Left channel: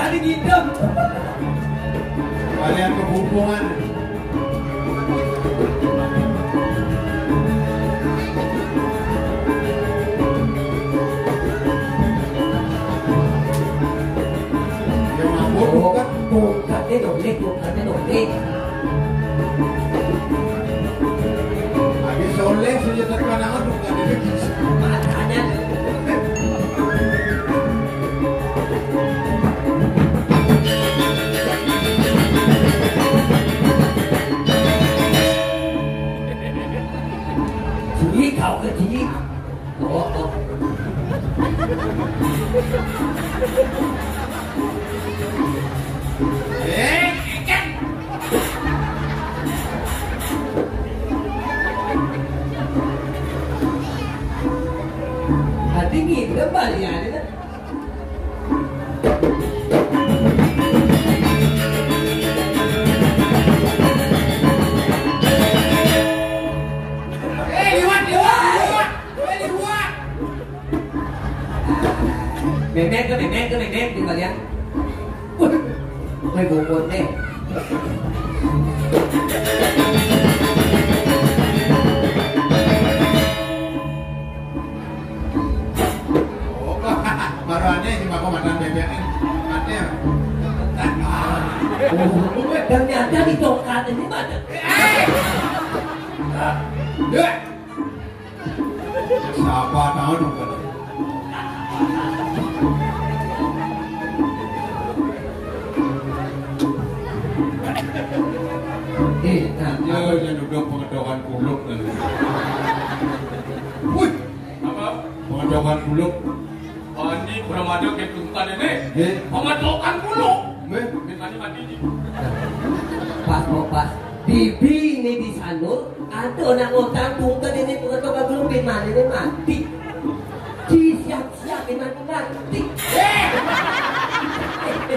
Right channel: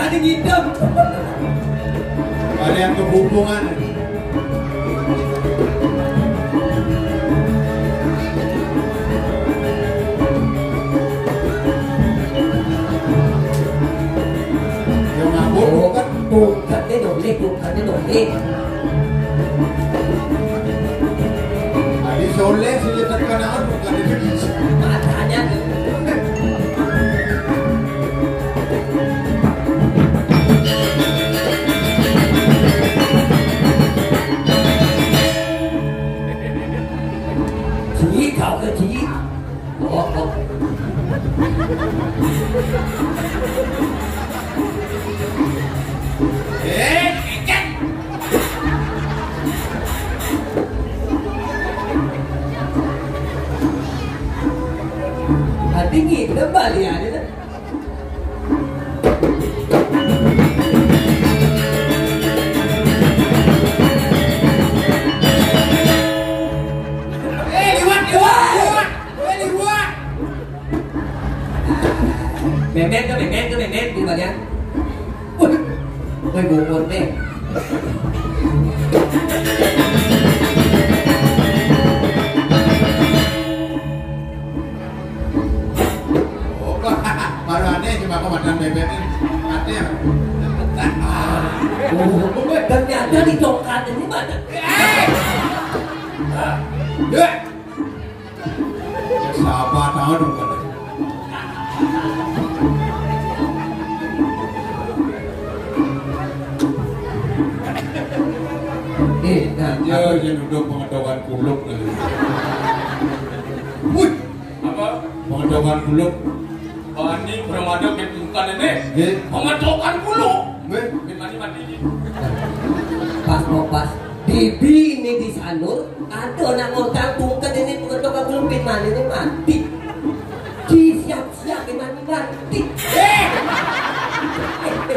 ada hitam. Kalian kehubungan. Yang mabuk bukan? Bukan dia dolek, bukan dia dolek. Tadi soleh sudah terkenal bukan itu. Matanya kau ke sini. Oh. Dingin, tebal ya, ada. Mềm đi vào đi anh. Ui buồn nè. Ternyata di coklat ini mana? Siapa tahu dong kan? Dia duduk pengedokan kuluk tadi. Wih, apa? Pengedokan kuluk. Oh ini kurang ada ketuntan ini. Pengedokan kuluk. Pas bibi ini di Sanur ada orang ngotang tungkat ini pengedokan kuluk bin mana ini mati. Siap-siap ini mati.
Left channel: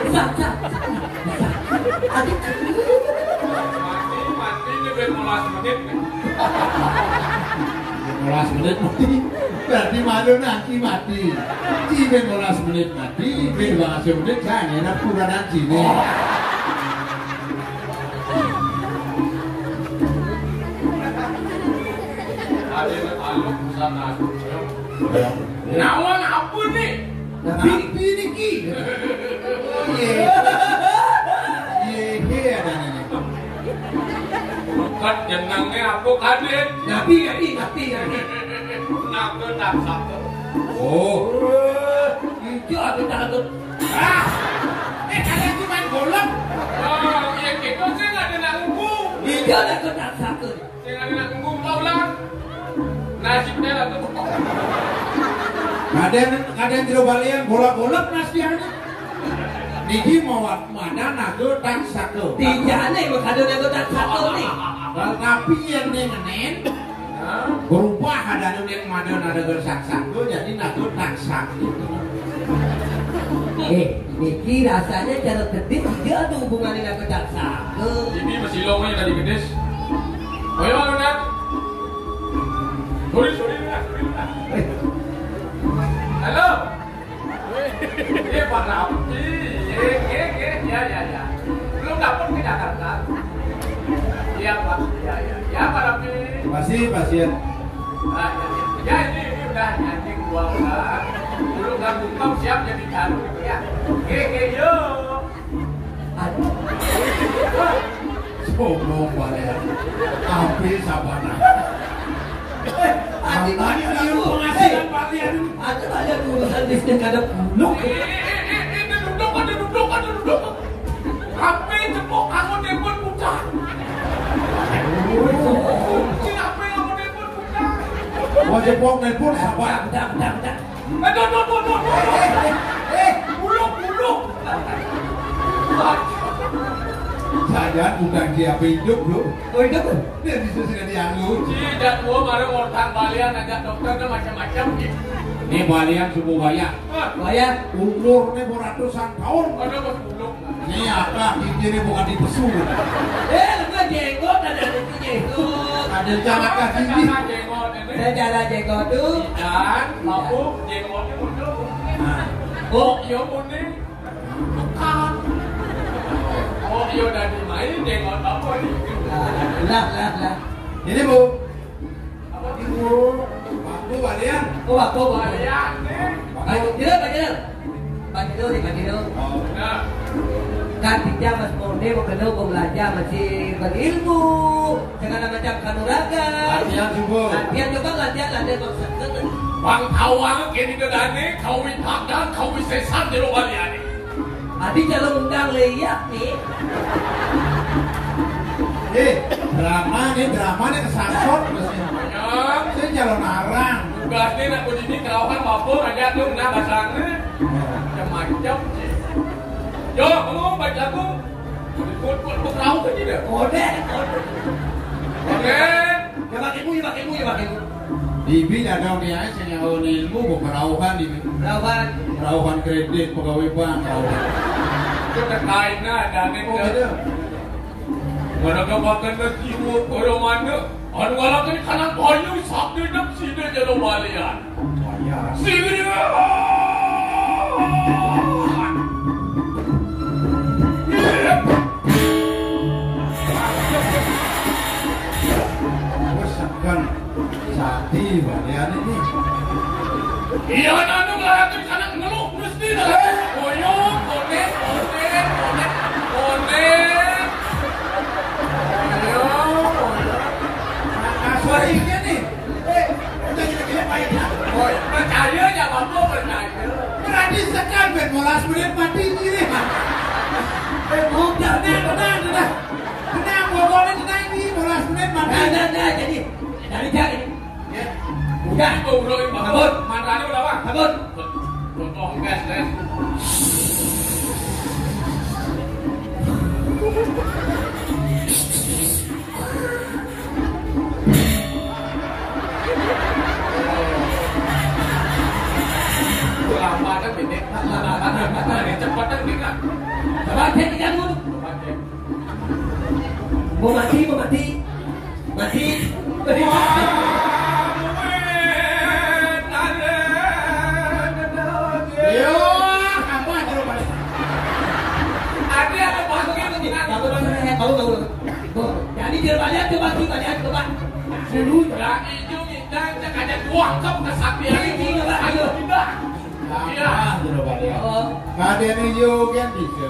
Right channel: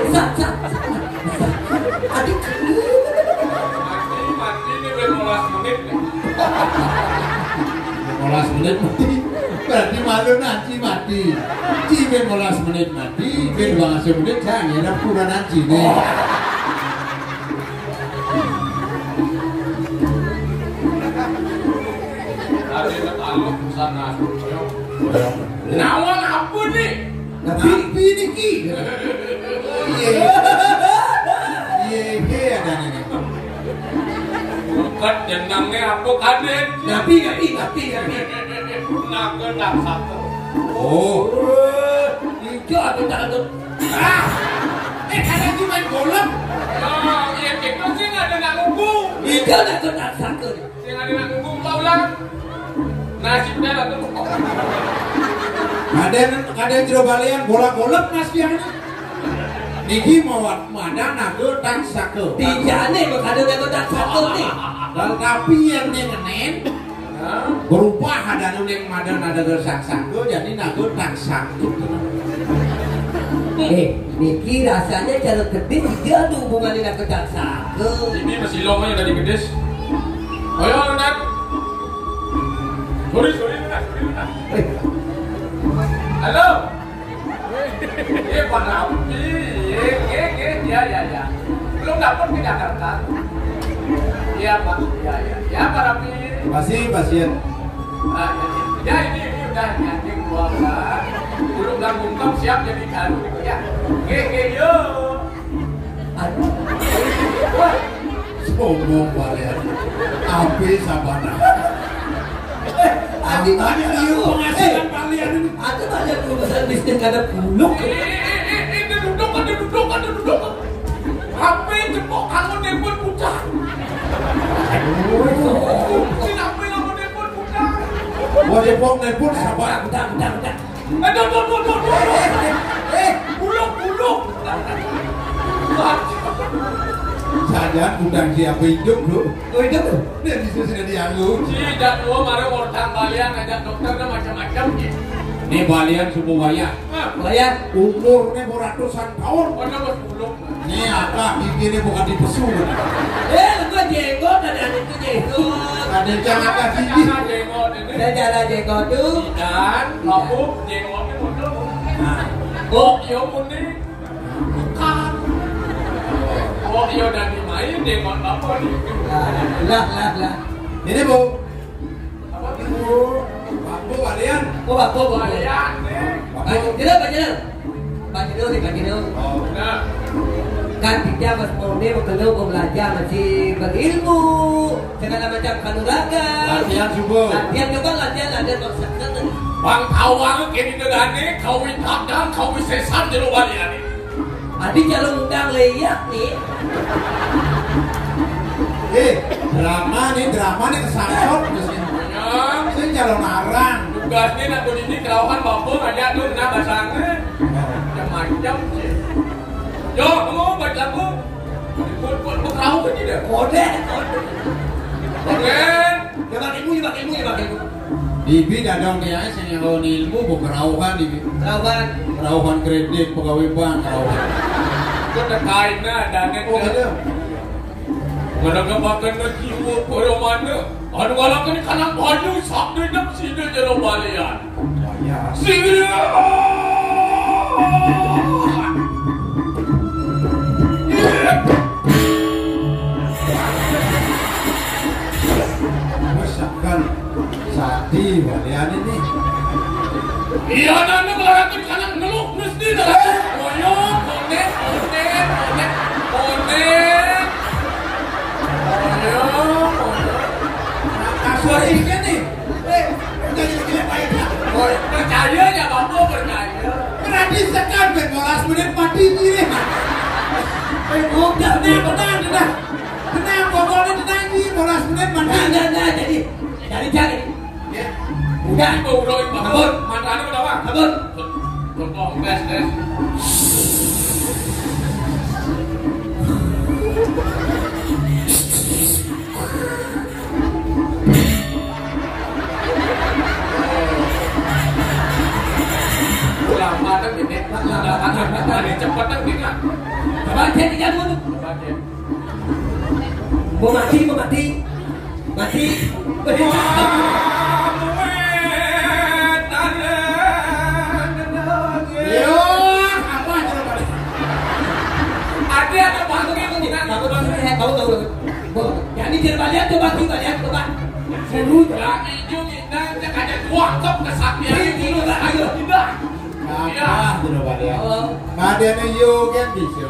Sat. Adik mati ini bermolas menit nih. Bermolas menit mati. Berarti malu nanti mati. Ci bermolas menit mati. Bermolas menit jangan ada kurang nanti nih. Ada mataluk sana. Nawan apa nih? Pipi nih ki. Iya ada nih. Bukan jenangnya apa kadet? Nabi. Naga tak satu. Oh. Itu aku takut. Kalian cuma golok. Oh, iya gitu sih nggak ada nak ngunggung. Itu aku tak sakit. Yang ada nak ngunggung tau lah. Nasibnya lah tuh. Ada yang tidak balian golak-golak nasibnya. Niki mau mana naga tak sakit. Dijane kok ada naga tak sakit nih. Tapi yang nenen berubah ada yang ada gersak-sakit jadi naga tak sakit. Niki rasanya cara kedis dia ada hubungan dengan kedak sakit. Ini masih longnya dari kedis. Ayo nak. Sorry nak. Halo. Pak Rapi. Ya. Belum dapat di Jakarta. Iya Pak. Ya Pak Rapi. Masih pasien. Ya ini udah nanti gua Pak. Belum gabung siap jadi taruh ya. Yo. Sombong balik. Api sabana. Tadi penghasilan kalian. Ada banyak urusan bisnis ada buluk. Duduk. Api cepok kamu nelpon budak. Siapa yang mau nelpon budak? Mau nelpon sabar. Budak. Buluk. Sadar bukan siapa hidup bro. Hidup? Dia sudah dianggur. Tidak tua marah orang balian ngajak dokter dan macam-macam. Ini balian subuh bayar. Bayar? Umurnya ratusan tahun. Ada mas buluk. Ini apa? Ini bukan di pesu. Itu jenggot dan ada itu jenggot. Ada jangan kasih jenggot. Saya jalan jenggot tu. Dan mabuk jenggotnya muncul. Oh, iya murni. Bukan. dia udah dimain dengan apa nih? Lah. Ini Bu. Apa Ibu. Bapak kalian. Oh, bapak kalian nih? Pak Dino. Oh. Nah, Kan kita mas murni mau belajar masih berilmu segala macam kanuragan. Latihan subuh. Latihan maksudnya. bang tawang kini negane kau wipadang kau wisesan di luar ini. Adi kalau undang leyak nih. Drama nih kesasot Yang saya jalan arang. tugasnya nak berdiri kerawan bapak ada tuh nak basangnya macam-macam sih. Yo, kamu baca bu. Buat tahu kan dia. Kode. Oke. Ya pakai ilmu. Dibi dadang dia saya nyawa ilmu berkerauhan dibi. Kerauhan kredit pegawai bank kerauhan. Kita kainnya dan Oh gitu. Mana kapakan na jiwa pada mana? Anu walaupun kanan banyu sabda dak sida jero balian. Sida. Masakan sati balian ini. Iya nanu melarakan kanan ngeluk mesti dah. Koyok, konek. Aslinya nih. Udah kita baik lah. Percaya ya bapak percaya. Berarti sekali 15 menit mati ini. Bukan tenang. Tenang pokoknya tenang nih 15 menit mati. Nah, jadi cari. Udah udah bangun. Mantranya udah bang. Bangun. Contoh gas. Lama kan ini. Lama cepat kan ini. Coba cek tiga dulu. Mau mati. Yo, apa aja lo balik? Ada bangkit ini. Jadi dia balik coba. Seru ya hijau kita ada dua kop kesatian ini. Ayo tidak. Apa aja lo balik? Ngadene yo kan bisa.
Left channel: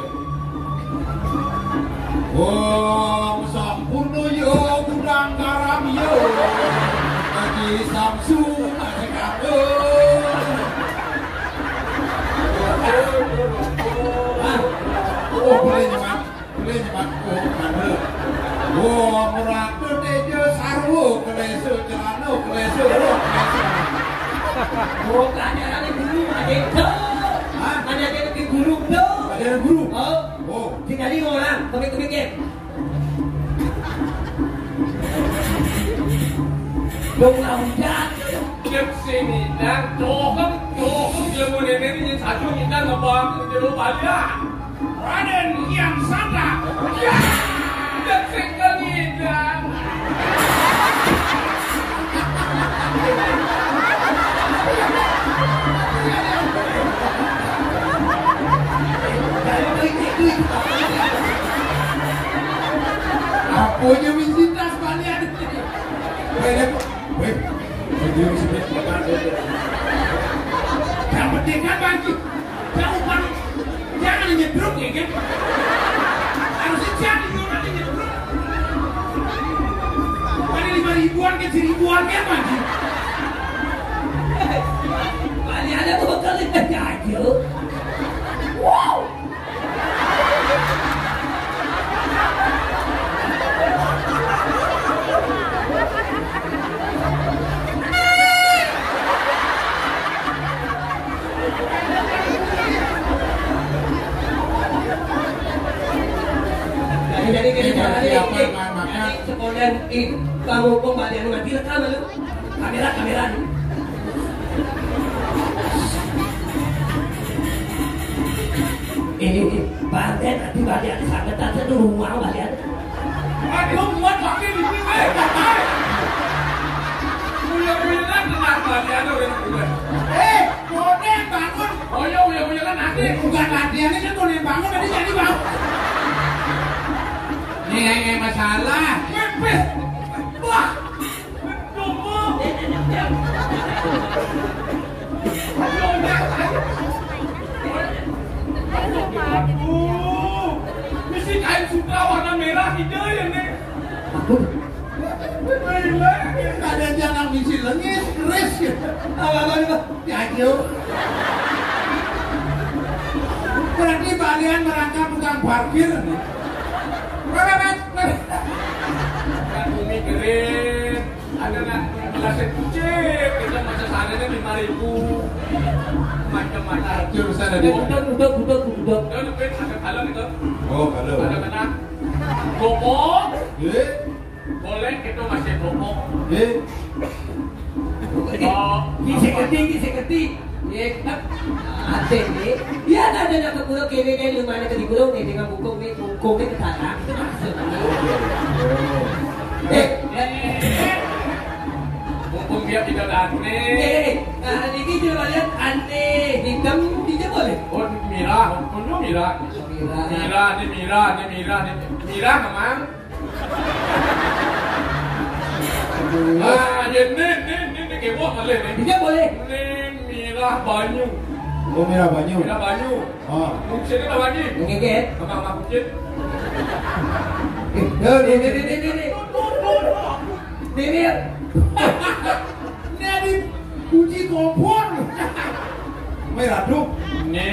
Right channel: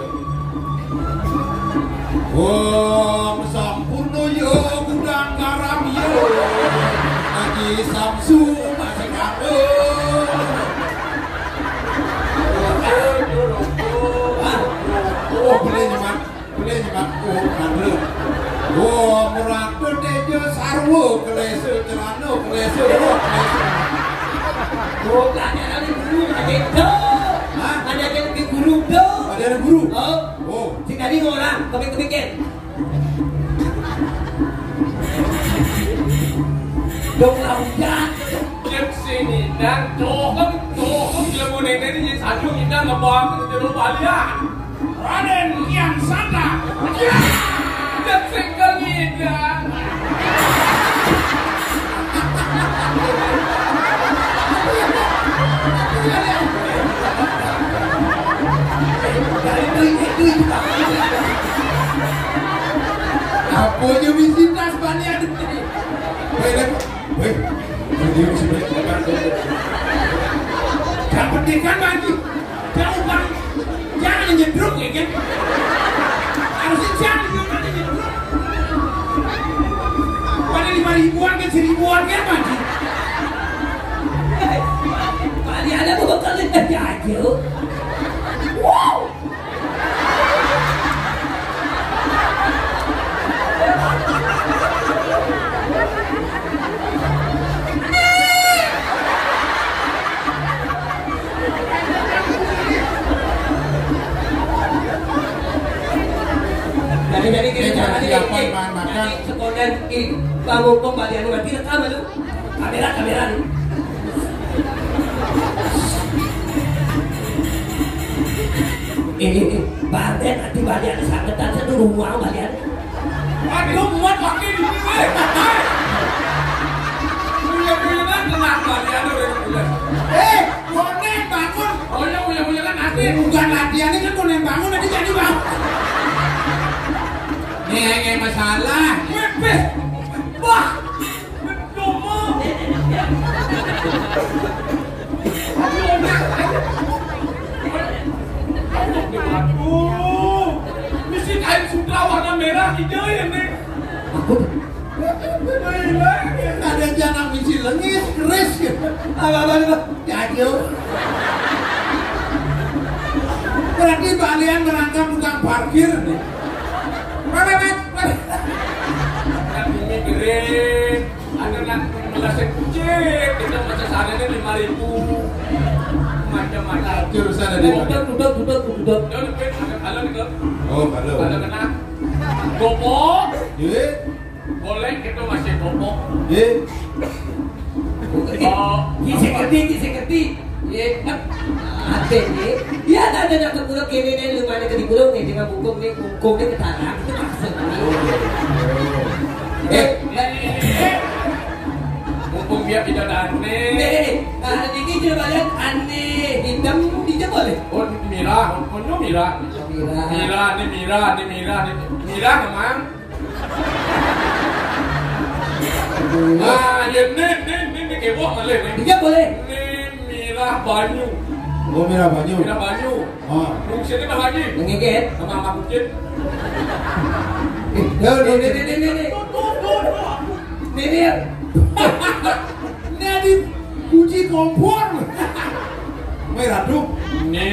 Wong sampurno yo kurang garam yo. Lagi Samsu masih aku. Oh boleh nyemak. Oh mandel. Oh muradu dejo sarwo kelesu celano kelesu. Oh, ada guru, ada guru do. Ada guru. Oh, jika dia orang, kemik-kemikin. Dong laujan. Dia sini dan doham dia mau nenek ini satu kita ngebang ke jero balian. Raden yang sana. Ya. Dia single kita. Apoyo visitas balian ini. Weh, dia mesti makan. Jangan pentingkan lagi. Jangan nyedruk ya kan. Harusnya jangan nanti nyedruk. Pada 5.000-an kan 1.000-an kan lagi. Balik ada bekal lagi aja. Wow. Jadi kita sekolah kamu kembali mati rekam lu kamera lu. Ini badan hati badan sangat ada tuh rumah badan. Aduh, muat pakai di sini. Punya kan tenang balian udah. Bonek bangun. Oh ya kan nanti. Bukan latihan ini kan bonek bangun nanti jadi bangun. Aduh, mesti kain sutra warna merah hijau ya nih. Aku Ada jangan misi lengis, keris gitu. apa? Jajil. Berarti kalian merangkap tukang parkir nih. Kan mikirin, ada nak melasin kucing, itu macam saranya 5.000. Macam-macam. Jurusan ada di mana? Udah. Kalau itu. Oh, kalau. Kalau kena gopok, Ye, boleh itu masih gopok. ye. Oh, Saya kerti. Ya, ada nih. Ya, ada nak kekurang kene nih lumane ke digulung nih dengan bungkung nih ketarang itu maksudnya. mumpung dia tidak aneh. Ada dikit dia banyak aneh. Hitam dia boleh. Oh, Mira, punya Mira. Mira memang. Ah, dia ni kebok malih ni. Dia boleh. Ni Mira Banyu. Oh, Mira Banyu. Mira Banyu. Oh. Mungkin sini dah Banyu. Mengeget. Sama kucing. Ini. Ini ada kunci kompor. Merah tuh. Ni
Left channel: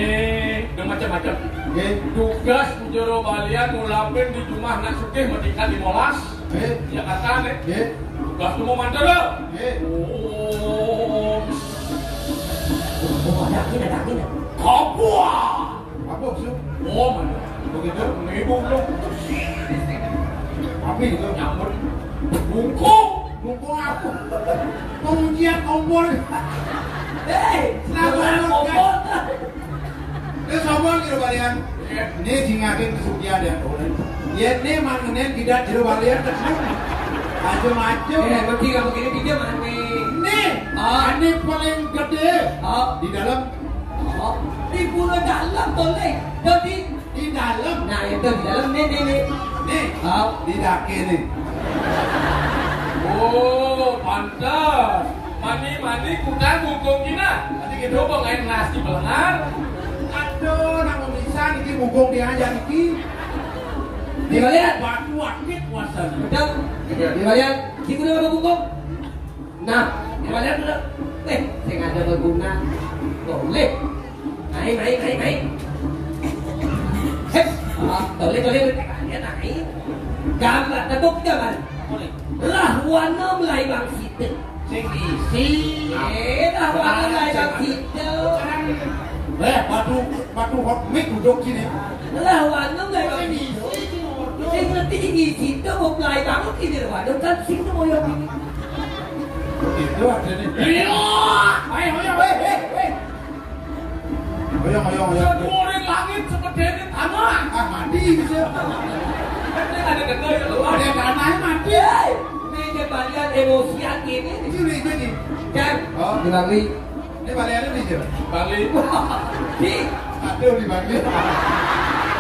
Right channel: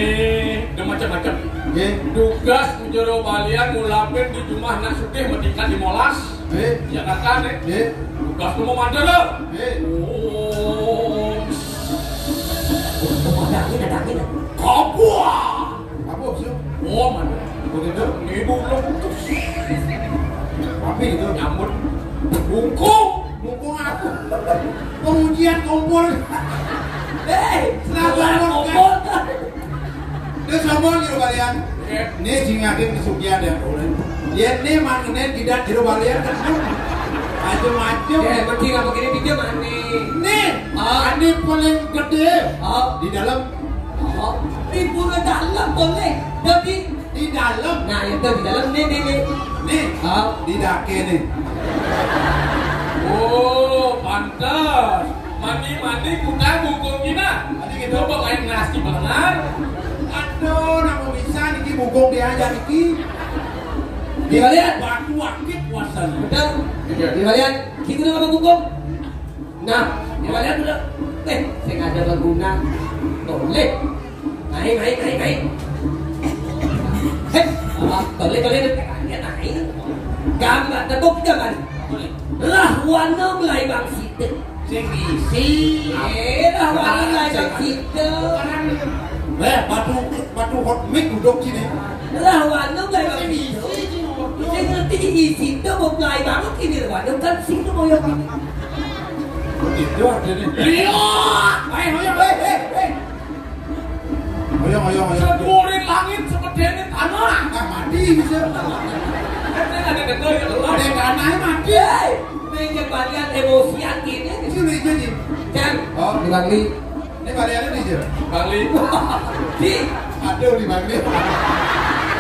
dia macam-macam. Ye, Tugas menjero balian mulapin di rumah nak sugih meningkat di molas. ye, Ya kan ni. ye, Tugas tu mau mandor lo. ye. Oh. Ada. Kapua. Apa sih? Oh, mana? Begitu. Ni dulu. Tapi itu Nyambut. Bungkung. mumpung aku pengujian kompor. Kenapa ngomong? Ini sombong gitu kalian. Ini jingakin kesugihan yang boleh. Ya ini mangnen tidak jero balian. Macam-macam. Berarti kamu begini pinjam aneh. Nih, ini paling gede Oh, di dalam. ibu ke dalam boleh. Jadi, Di dalam. nah itu di dalam nih. Nih, di dake nih. Oh, pantas. Mani kuda bungkung kita. Tadi kita coba main nasi belengar. Aduh, nama bisa nih bugong diajar iki. Di kalian, Batu akit wasana. udah. Di kalian, kita udah bungkung. Nah, di kalian udah. Saya nggak ada berguna. Boleh. Naik. Boleh kalian naik. Gambar, tekuk gambar. Lah warna mulai bang situ. Sing isi. Lah warna mulai bang situ. Batu hot mic duduk sini. Lah warna mulai bang situ. Saya ngerti di situ mau mulai banget ini warna kan situ mau yang ini. Itu aja nih. Ayo. Seburin langit seperti ini tanah. Mati bisa. Ini ada dekat itu. Ada yang aneh mati. Ini jembatan emosian ini. Sini. Kan? Oh. Di Bali. Ini baliannya nih, Jir. Bali. Di. Aduh, di Bali.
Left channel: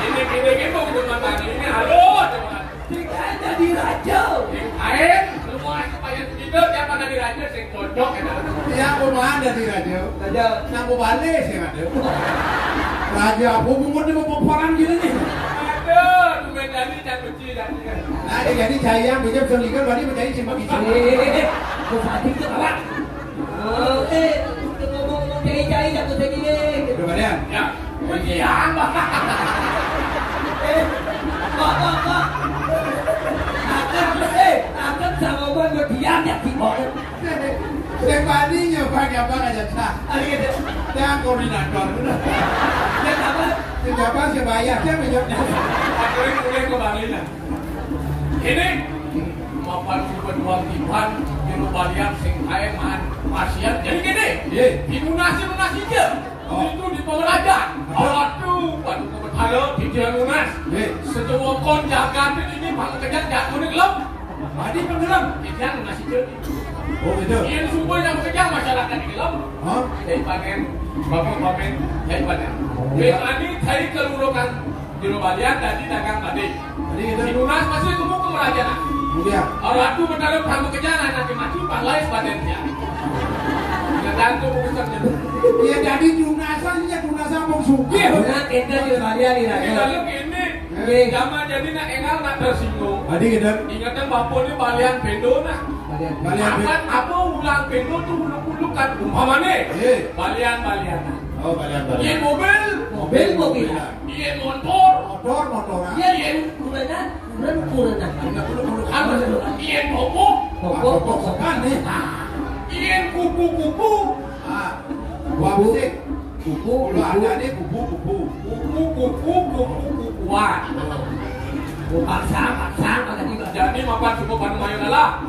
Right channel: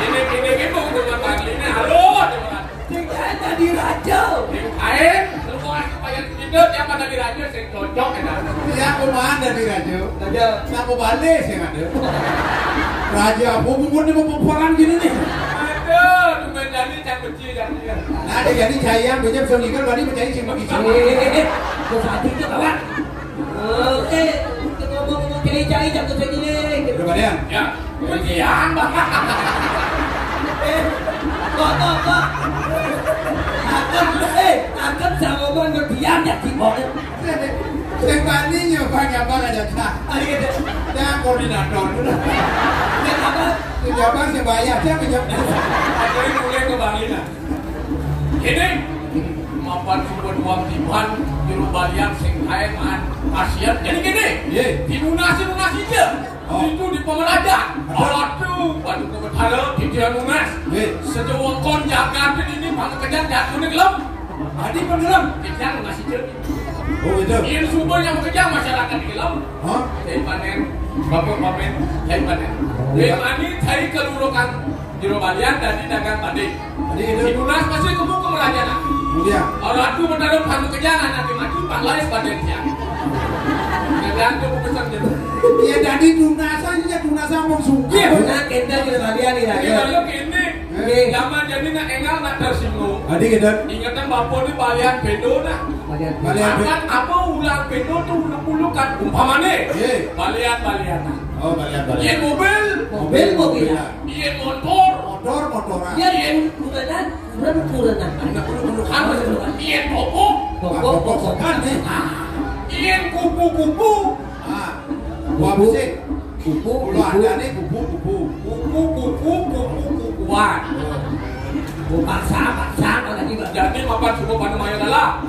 Ini mau ke Bali ini. Halo, teman. Tidak ada di raja. Air, semua supaya tidur siapa dari raja saya cocok enak. Iya, aku mana di Raja? Raja. Aku balik sih ada. Raja, aku mau di peperan gini nih. Aduh, cuma jadi cak kecil jadi. Nah, jadi saya bisa selikan balik menjadi si Maki. Kau saat itu kawan. Kita ngomong cari jatuh segini. Udah balian? Ya, kegiatan bah. Pak. Akan sama ngomong berdiam ya kibok. Yang balinya bang aja cah. Jangan koordinator. Ya kabar. Pejabat sebaya saya pejabat. Aku ini mulai ke Bali lah. Ini mapan super uang tiban juru balian sing kae man asiat. Jadi gini, di lunas aja. Itu di Pemeraja. Aduh, batu kebetara pikiran lunas. Sejauh kon jaga ini malah kejar jatuh ni gelap. Tadi pengelam pikiran lunas aja. Oh gitu. Yang super yang kejar masyarakat di gelap. Hah? Dari panen, bapak-bapak dari panen. Dari panen, dari kelulukan juru balian dari dagang padi. Jadi itu. Di lunas masih tumbuh ke Merajana. Kemudian. Orang aku bertarung kamu kejangan nanti maju balai padennya. Yang tuh pesan dia. Iya jadi Dunasa mau sugih. Benar ente di kalian ini. Kalau ini zaman jadi nak enggak nak tersinggung. Tadi kita Ingatnya bapak ini balian bendo nak. balian. Apa ulang bendo tuh uluk-ulukan umpamanya. Balian. Oh balian. Iya mobil. Iya motor. Motoran. Iya kurenan. Apa sih? Iya popok. Pokok kan nih. Iya kupu-kupu. Buah bisik. Kupu ada nih Kupu-kupuan. Paksa ada juga. Jadi makan semua pada mayonela.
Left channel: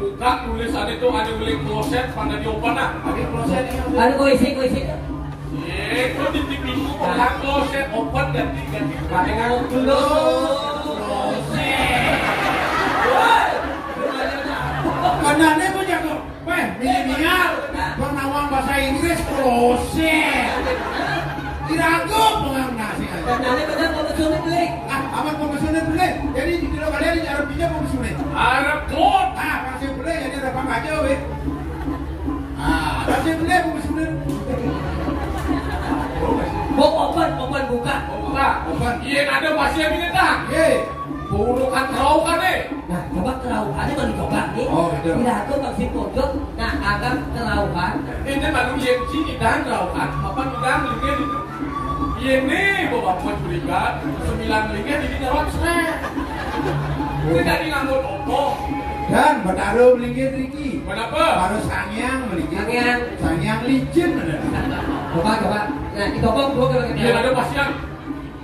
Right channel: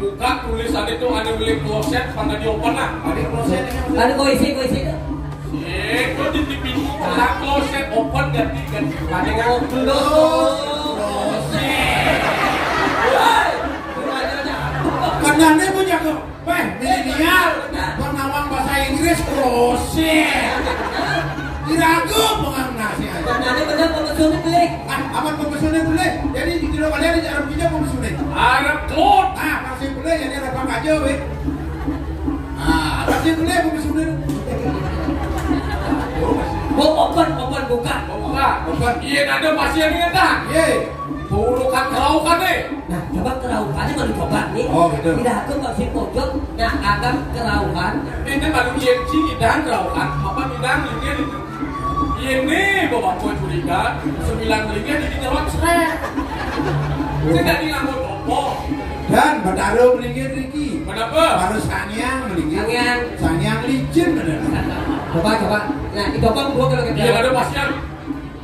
Buka tulisan itu ada beli kloset pada diopen nah. Ada kloset ini. Ada koisi. Itu di TV ku pernah kloset open ganti. Kadengan Dulu. Kenanya banyak milenial pengawang bahasa Inggris kloset. Diragu pengang sih. Kenanya benar komisioner beli. Apa komisioner boleh? Jadi di kilo kalian di Arab pinjam komisioner. Arab klot. Masih boleh jadi ada apa aja weh. Masih boleh komisioner. Mau open buka. Buka. Iya ada pasien ini tak? Burukan keraukan deh. Nah, coba keraukannya mau dicoba nih. Oh, betul. Tidak aku masih pojok. Nah, agak keraukan. Ini baru YMC dan keraukan. Apa tidak lagi ini bapak buat curiga 9 ringgit di nyerot seret. Tidak diambil opo. Dan berdaruh melingkir Riki. Kenapa? Harus sanyang melingkir. Sanyang licin bener. Coba. Nah, dicoba dua kalau Iya ada pasien.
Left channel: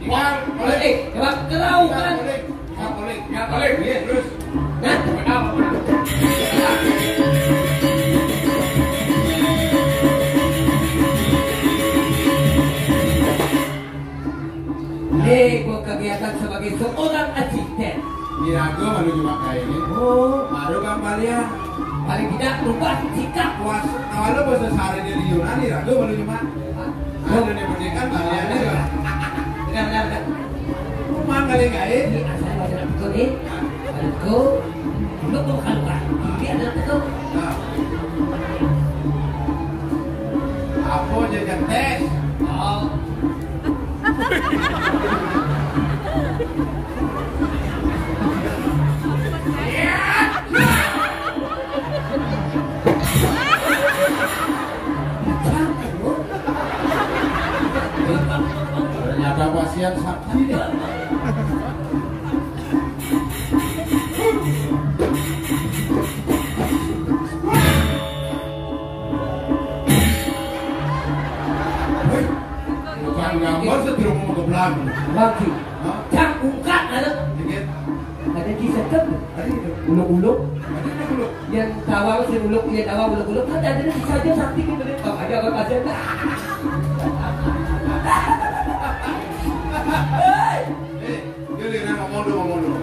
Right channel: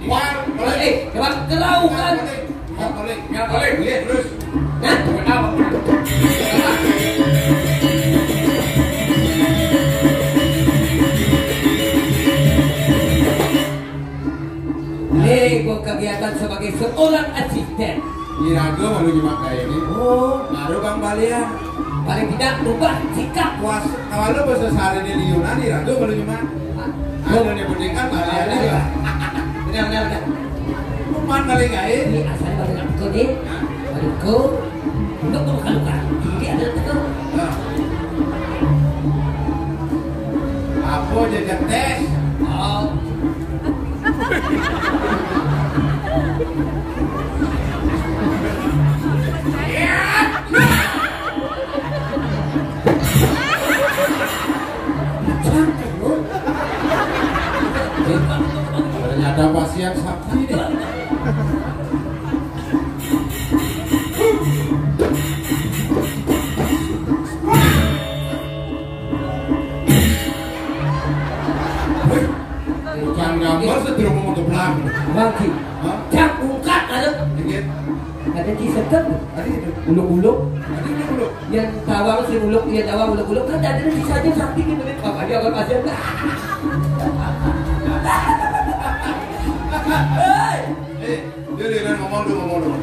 Coba keraukan. Ya boleh. Iya terus. Nah, Kenapa? gua kegiatan sebagai seorang asisten. Diragu malu gimana kayak ini. Baru Bang Balian. Paling tidak rubah sikap. Puas. Kalau bahasa sehari di Yunani diragu malu gimana. Kalau ini pendidikan Balian ini. Benar. Kuman kali kaya. Ini asal balik kuning. Balik ke. Untuk berkalukan. Ini ada tegur. Apa jaga tes? Oh. Ternyata pasien sakti deh. Jangan gambar setiruk mau ke belakang. Lagi. Cak ungkat ada. Ada kisah kan? Uluk-uluk. Yang tawang si uluk, dia tawang uluk-uluk kan ada bisa aja sakti di menit. Makanya abang kasihan. Dia dengan ngomong dulu.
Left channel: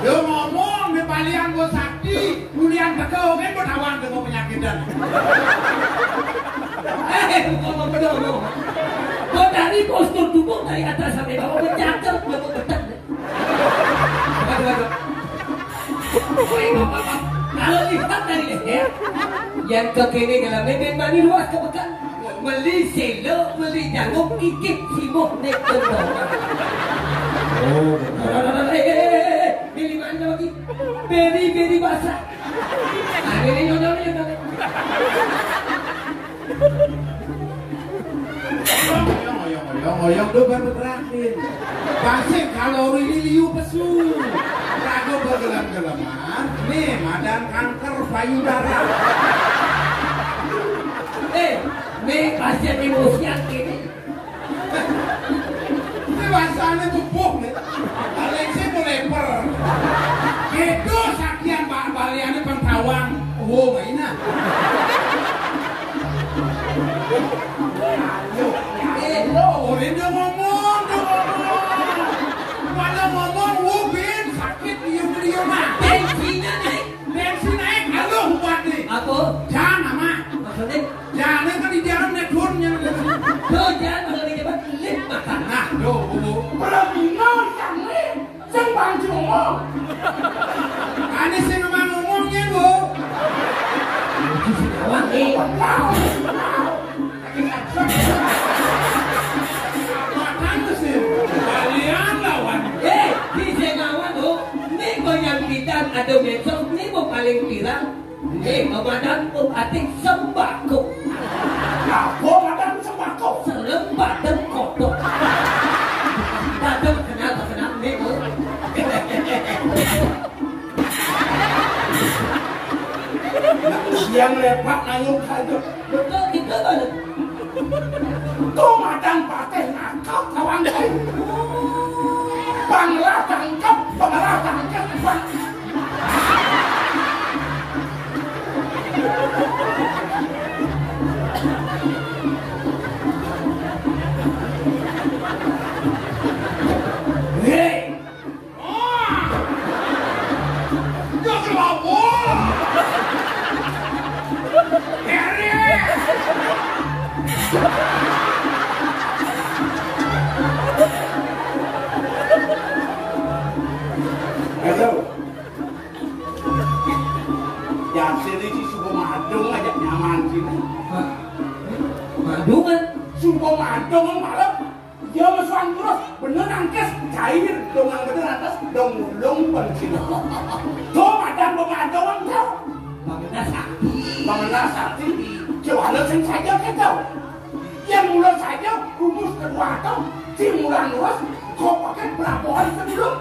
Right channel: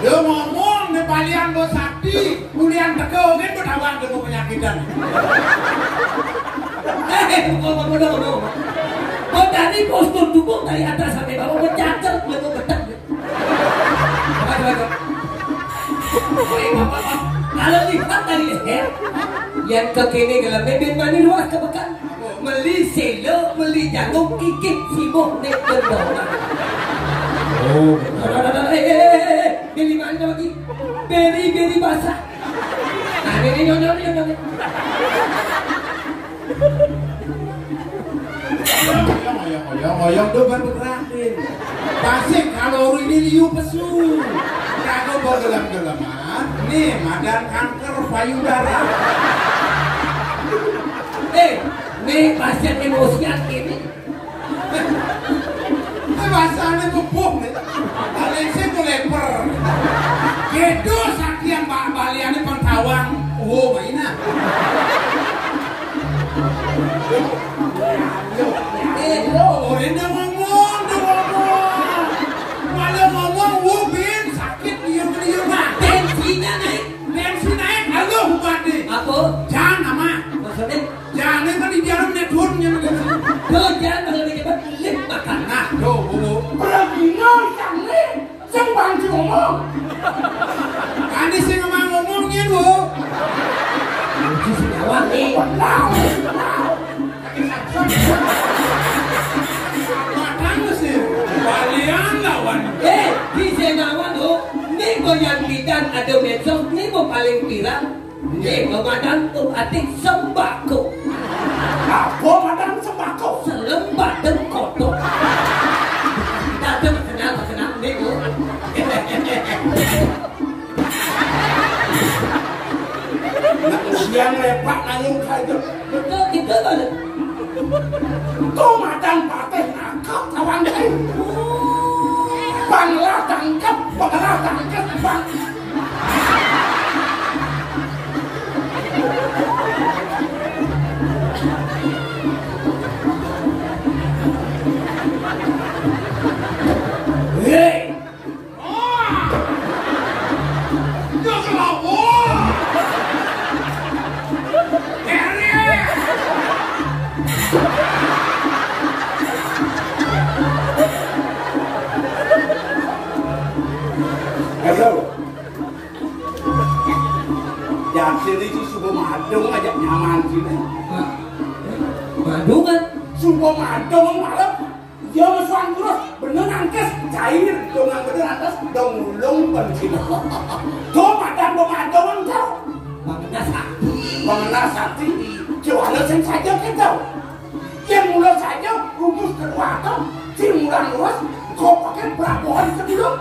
Dia ngomong di Balian Bos Sakti, kuliah teko kan bertawan dengan penyakitan. Ngomong. Kau dari postur tubuh dari atas sampai bawah bercakar, belum betul. Kalau lihat dari leher, yang ke kiri gelamnya dan mani luas ke bekan, meli selo, meli jagung, kikit sibuk nek kendor. Beli mana lagi? Beri basah. Nah, beri nyonya. Ngoyong tuh baru terakhir. Pasti kalori ini liu pesu. Ragu bawa gelam-gelaman. Nih, madan kanker payudara. Nih pasien emosian ini. Ini bahasanya bubuk nih. Kalian sih tuh leper. Gitu sakian Pak Balian ini pengtawang. Oh, mainan. Ini ngomong. Kalau ngomong, wubin sakit liu-liu mah. Bensin naik, halo buat nih. Apa? Jangan nama. Maksudnya? Jangan kan di jarum neturnya. Jangan kalau dicepat lip makan. Nah, bu. Berarti ngomong, yang bantu ngomong. Ini radio medsos ini mau paling viral. Pemadam ating sembako. Apa pemadam sembako? Selembar dan kotor. Datang kenal nih bu. Yang lepak nayung kayu. Betul gitu banget. Pemadam partai nakap kawan kayu. Bangla tangkap bang. Hei, Jadi si Subo Madong ajak nyaman sini. Madungan. Subo Madong malam dia meswan terus bener angkes cair dong bener atas dong ulung penting. Tuh madam Madong tahu. Mengenal sakti di Johannes yang saja kita. Yang mulai saja rumus kedua atau si mulai luas kok pakai berapa hari sebelum?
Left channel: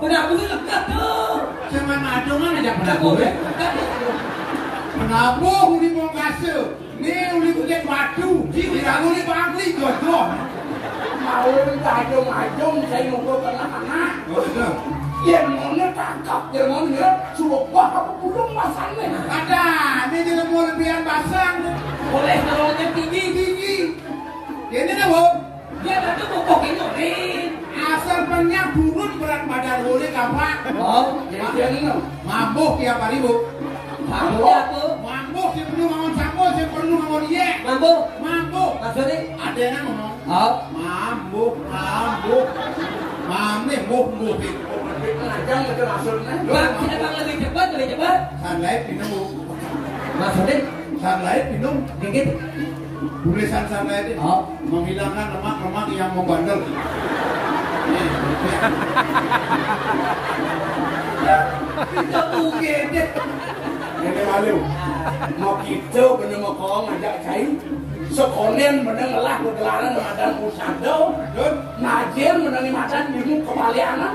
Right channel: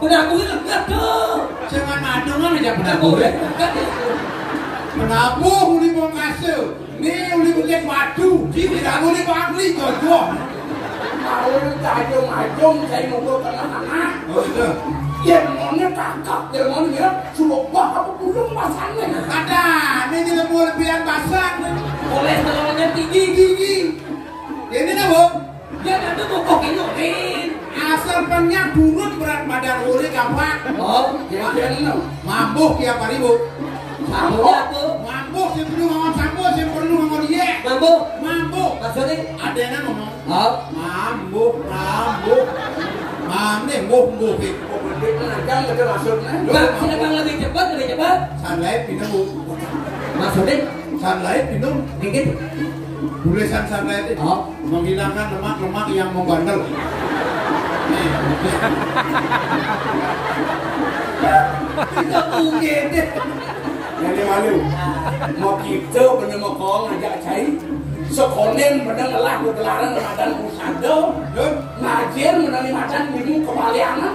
Kenapa itu enggak tuh? Jangan Madong kan aja Kenapa benar. enggak? Kenapa uli mau ngasih? Nih uli punya madu, tidak uli pakli jodoh. Mau saja majong saya nunggu tengah-tengah. Oh itu. Yang mana kakak, yang mana dia suruh apa belum masangnya? Ada, ini tidak mau lebihan basah. Kolesterolnya tinggi. Ini nih bu. Dia nanti mau kokinurin. Asal banyak turun berat badan uli kapan? Oh, jadi mabuk tiap hari bu. Mabuk yang perlu ngomong sambut, yang perlu ngomong dia. Mabuk. Maksudnya ada yang ngomong. Oh. Mabuk. Mamnya mabuk. Jangan ada maksudnya. Siapa lebih cepat? Sunlight minum bu. Maksudnya? Sunlight minum. Dikit. Tulisan sunlight itu menghilangkan lemak-lemak yang membandel. Tidak mungkin. Ini malu. Mau kita benar mau ngajak cai. Sekonen benar ngelah bergelaran madan pusado. Ngajar benar madan bingung kembaliana.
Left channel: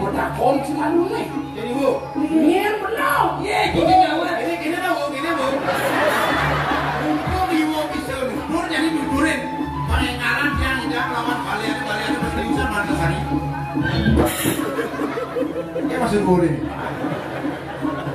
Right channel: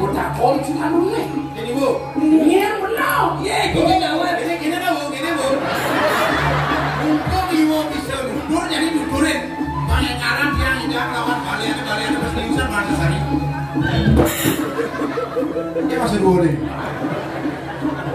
Mudah kon si malu nih. Jadi bu. Ini benar. Gini bu. Untuk ibu bisa dudur jadi dudurin. Pengengaran yang tidak lawan kalian itu seriusan mati hari. Ya masih boleh.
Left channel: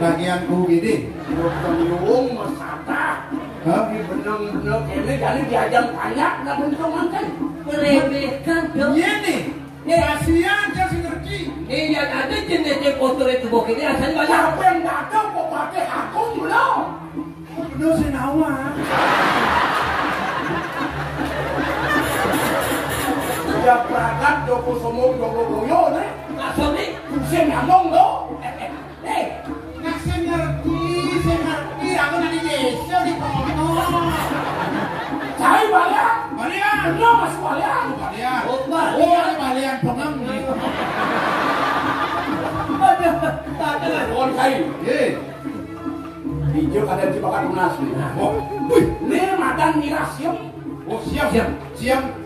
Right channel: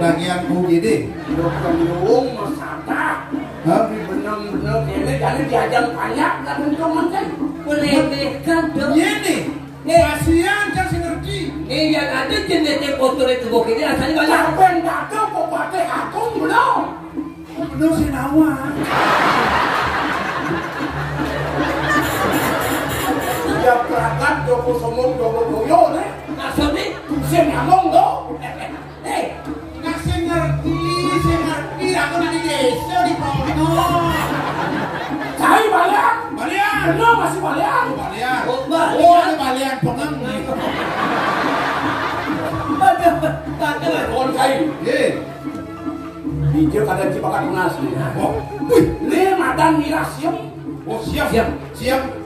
Bagian UGD dokter Luung Masata tapi benar-benar ini jadi diajar banyak nggak bentuk kan Meremehkan dong. ini kasihan kasih ngerti Ini yang ada jenisnya kotor itu bok ini rasanya banyak. apa yang bakal kok pakai aku belum belum sih nawa ya berangkat Joko Somong Joko Boyo nih Maksudnya? saya ngomong dong saya ngerti, aku nanti desa di kono. Saya balian. Bener masih balian. Oh, ini balian pengem nih. Tak ada. Kon kai. Hijau kadang cipakan unas nih. Oh, ini madan miras siap. Oh, siap.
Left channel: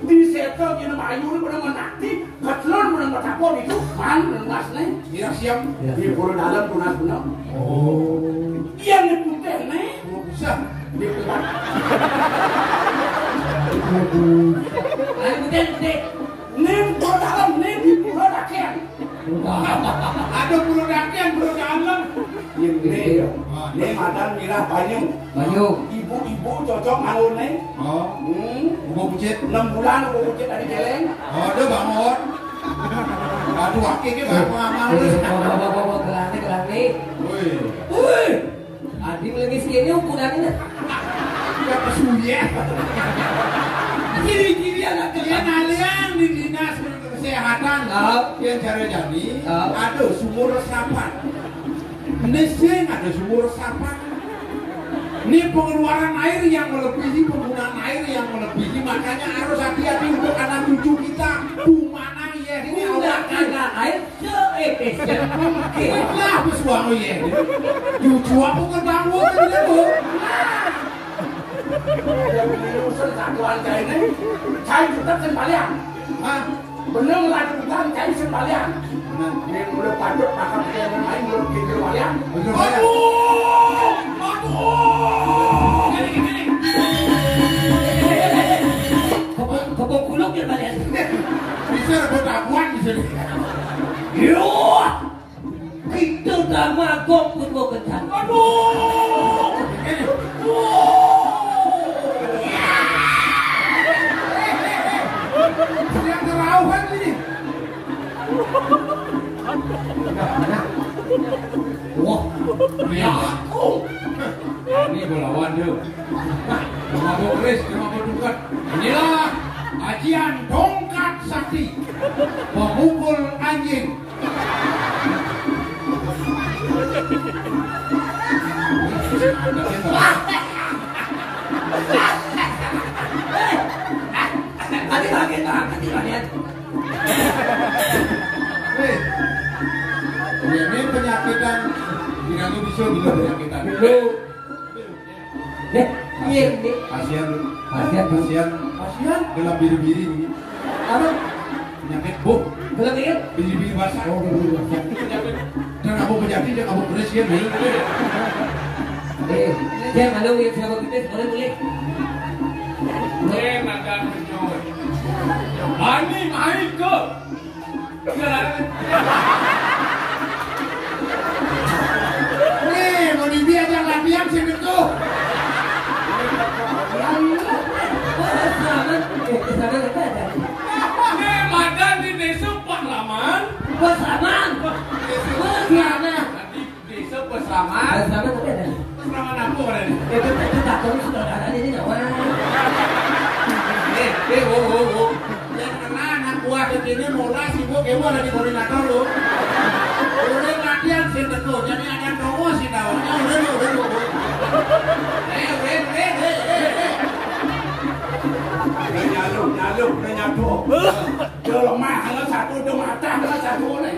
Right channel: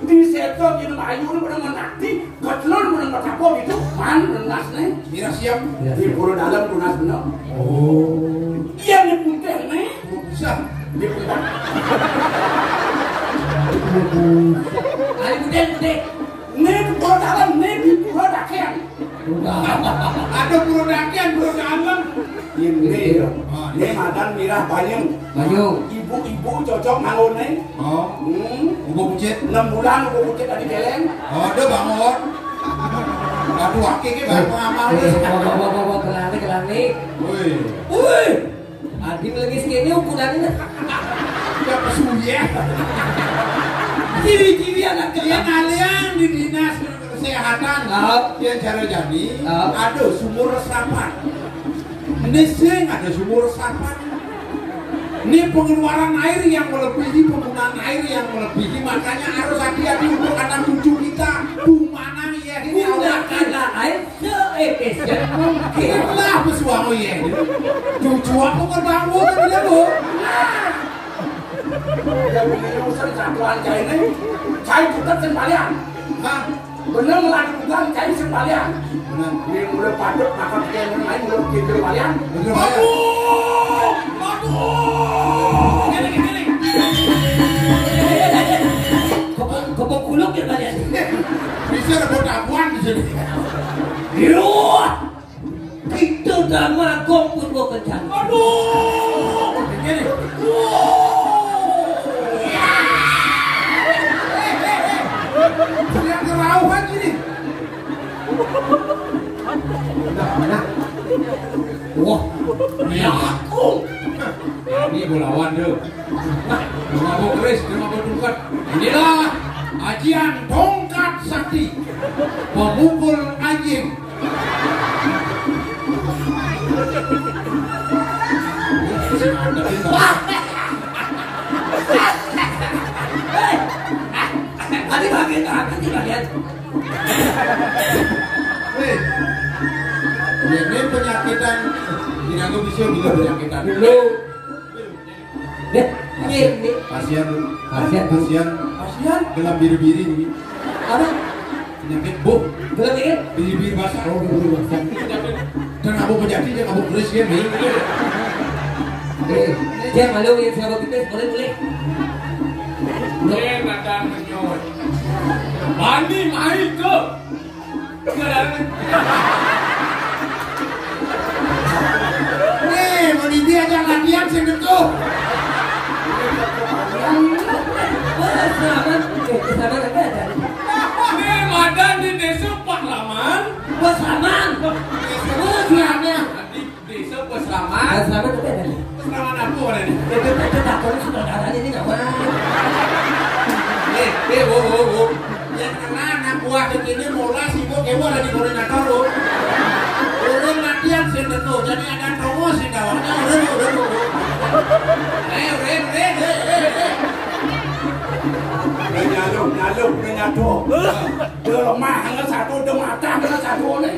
Di setel gini mayu ini benar menakti, ketelon benar bertapor itu, man unas nih. Miras siap. Di pulau dalam unas benar. Oh. Yang di putih nih, bisa di putih. Putih. Nih pulau dalam, nih di pulau dakian. Ada pulau dakian, pulau dalam. Ini madan mirah Banyung. Ibu cocok nanggur nih. Oh. Ibu pucet 6 bulan, ibu pucet tadi geleng. Oh, dia bangun. Aduh, aki baru Bawa kelani. Woi. Adik lagi segini ukurannya. Ya kesuye. Ciri-ciri anak Yang kalian di dinas kesehatan yang cara jadi ada sumur resapan. Ini sering ada sumur resapan. Ini pengeluaran air yang melebihi penggunaan air yang melebihi, makanya harus hati-hati untuk anak cucu kita. Mana ya ini udah kena air Lah pesuang ya. Cucu aku kan bangun kan dia bu. Urusan satuan cai ini, cai tetap sembalian. Bener lagi bukan cai sembalian. Ini udah padut maka kita main belum kita sembalian. Kebok kuluk ya kalian. Bisa ada dakwaan di sini. Yo, kita drama kok pun mau kencang. Aduh, begini. Yang terauhan ini. Wah, Ya aku. Ini bolawan tuh. Mabuk keris, mabuk dungkat. Inilah ajian tongkat sakti memukul anjing. tadi bagian. Hei, ini penyakitan. Tidak bisa bilang penyakitan. Dulu. Ini. Kasihan. Gelam biri-biri ini. Apa? Penyakit buk. Gelam ini? Biri-biri basah. Oh, biri-biri basah. Dan ngabuk penyakit dia ngabuk keris ya nih. Dia malu yang sahabat kita boleh. Jangan ada menyon. Mandi mai ke. Nih, mau diajak latihan sih itu. Ini madan di desa Pahlaman. Paslaman. Di desa Paslaman. Paslaman itu beda. Paslaman apa orang ini? Itu tak tahu saudara ini kawan. Yang kena anak buah begini mulai sibuk ibu ada di koordinator lu. Urun latihan sih itu, jadi ada cowok sih kawannya udah. Nyaluk. Dia lemah, hanya satu, dia mata, hanya satu nih.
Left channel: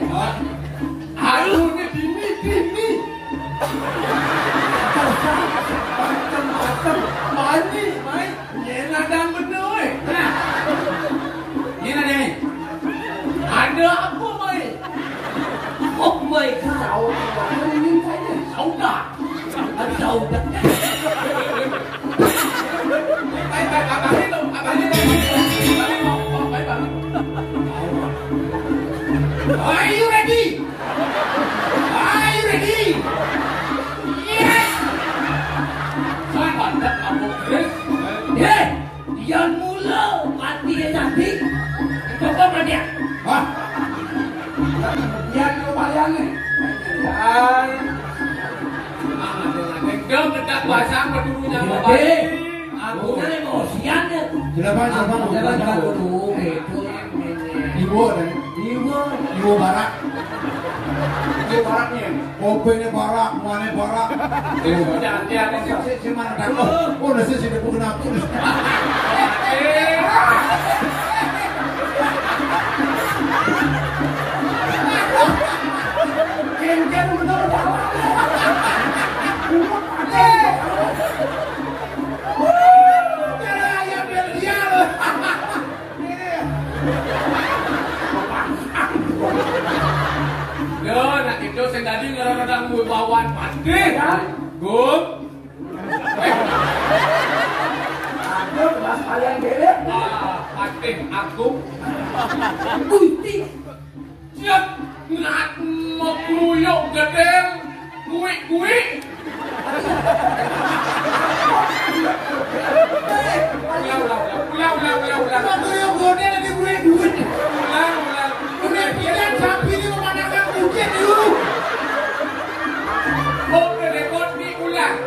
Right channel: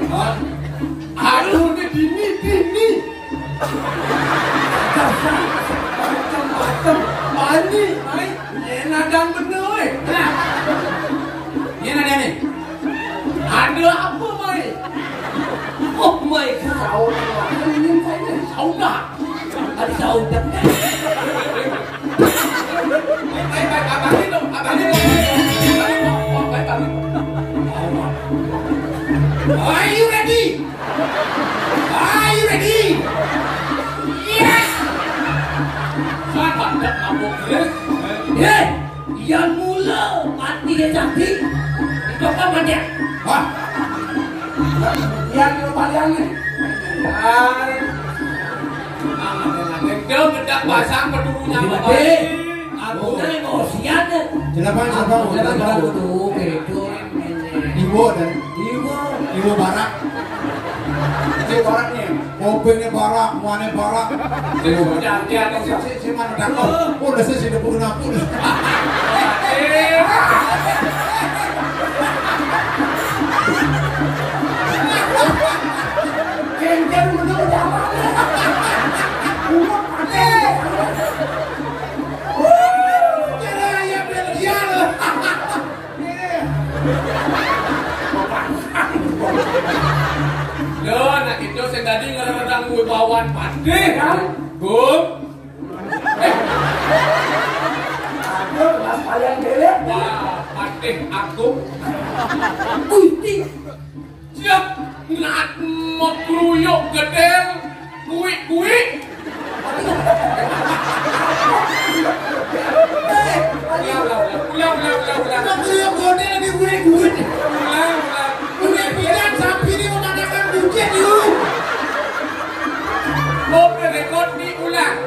Aduh, ini dini. Macam-macam. Mandi, mai. Ini nadang bener, weh. Nah. Ini ada nih. Ada apa, mai? Oh my god. Ini saja. Saudah. Saudah. Are you ready? Yes! Sahabat kamu Chris. Yang mula mati dia cantik. Itu apa dia? Hah? Yang kembalian nih. Dia bedak pasang pedulunya apa? Aku nak emosian dia. Silakan. Itu. Ibu dan Ibu barak. Ibu baraknya. Mobilnya barak, muannya barak. Dia Si mana datang? Oh, udah sih sudah puluh nafsu. Kencang betul jalan. nak itu saya tadi ngerang gue bawan pandi kan? Gum. Aduh, las kalian gelek. Pandi aku. Gusti. Siap nak mau kruyuk gedeng. Kui. Ulang. Waktu yang godel di gue. Ulang. Udah bilang sapi ini memandangkan hujan dulu. Mau rekod diulang.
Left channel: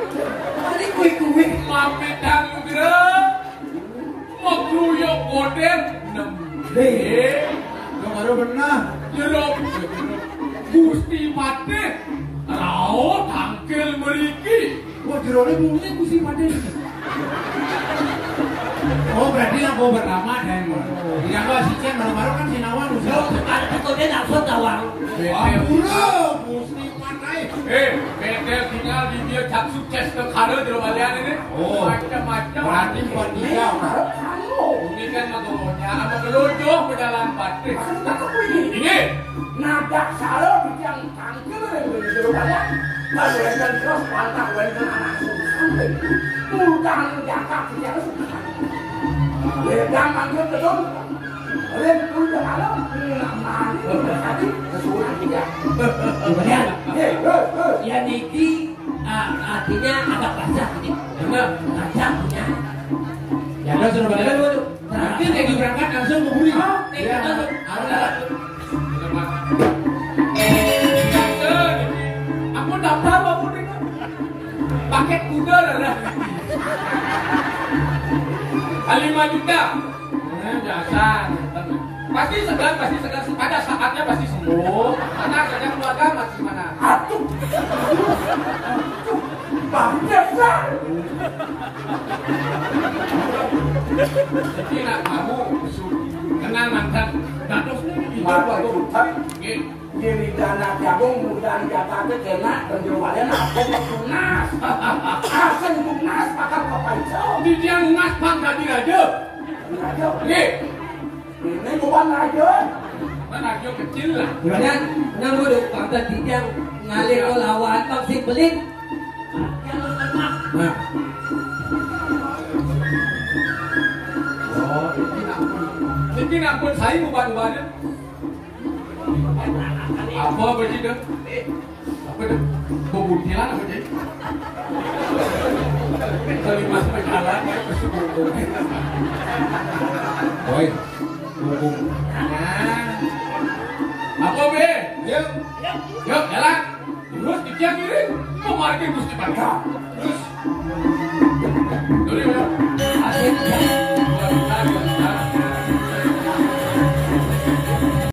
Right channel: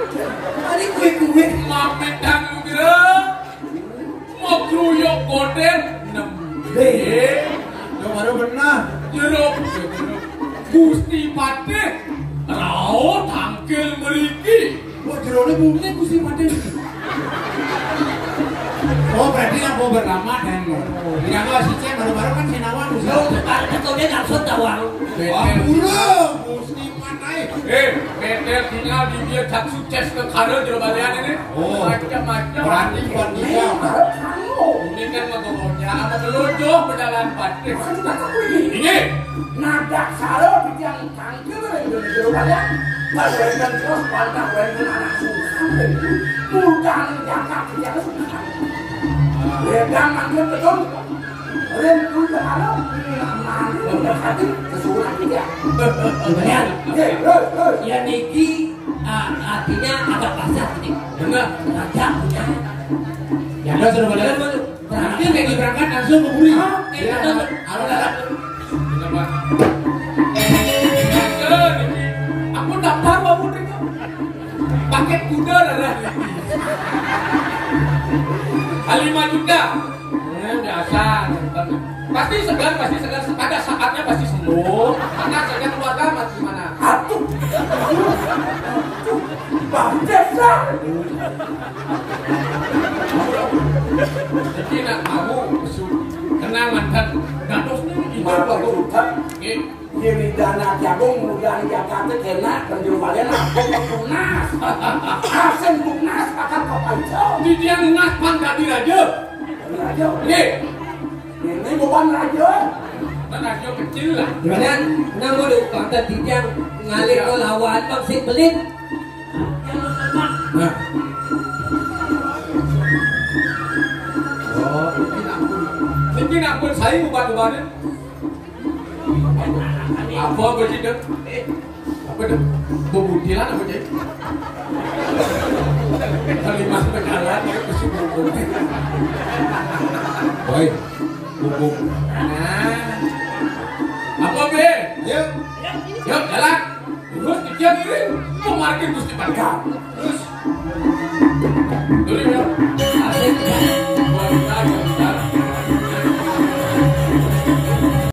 Tadi kue. Mami dan gerem. Mau kruyuk godel. Baru benar. Jeruk. Gusti Pate. Rao tangkil meriki. Oh, jeruknya bunyinya Gusti Pate. Oh, berarti nak mau bernama dan ya kalau si Ceng baru-baru kan Sinawan usaha. Kau dia langsung tawang. Betel tinggal di dia tak sukses ke karo di Balian ini. Macam-macam. Berani Iya, Ini kan motornya apa meluncur berjalan batin. Ini nada salah di yang cangkir yang di Balian. Kalian terus kontak dengan anak susah. Mudah jaga dia susah. Dia manggil betul. Kalian udah kalau udah hati kesulitan dia. Kemudian, ya Niki artinya agak kasar ini. benar. Ada punya. Ya kan sudah pada kan nanti lagi berangkat langsung ke Buri. Iya. Aku daftar apa putri? Paket kuda adalah 5 juta. Biasa. Pasti segan. Ada saatnya pasti sembuh. Karena saya keluarga masih mana? Aduh. Bangsa. Jadi nak kamu kenal mantan gadosnya itu Bapak baru. Tuhan. Ini dana jagung kemudian Jakarta kena penjualan apa lunas. Hasil lunas akan kau pancau. Di dia lunas pangkati raja. Raja. Ini Bukan raja. dan raja kecil lah. Kemudian, nang bodoh bangsa tidak ngalir ke lawan bangsa belit. Jangan lemak. Nah, Ini nak pun saya ubah-ubahnya. Apa begitu? Apa itu? Bubutilan apa jadi? Kalimat berjalan itu kesubuh. oi, hukum. Nah, apa be? Yuk, Yuk jalan. Terus dia kiri, mau market gusti bangka. Terus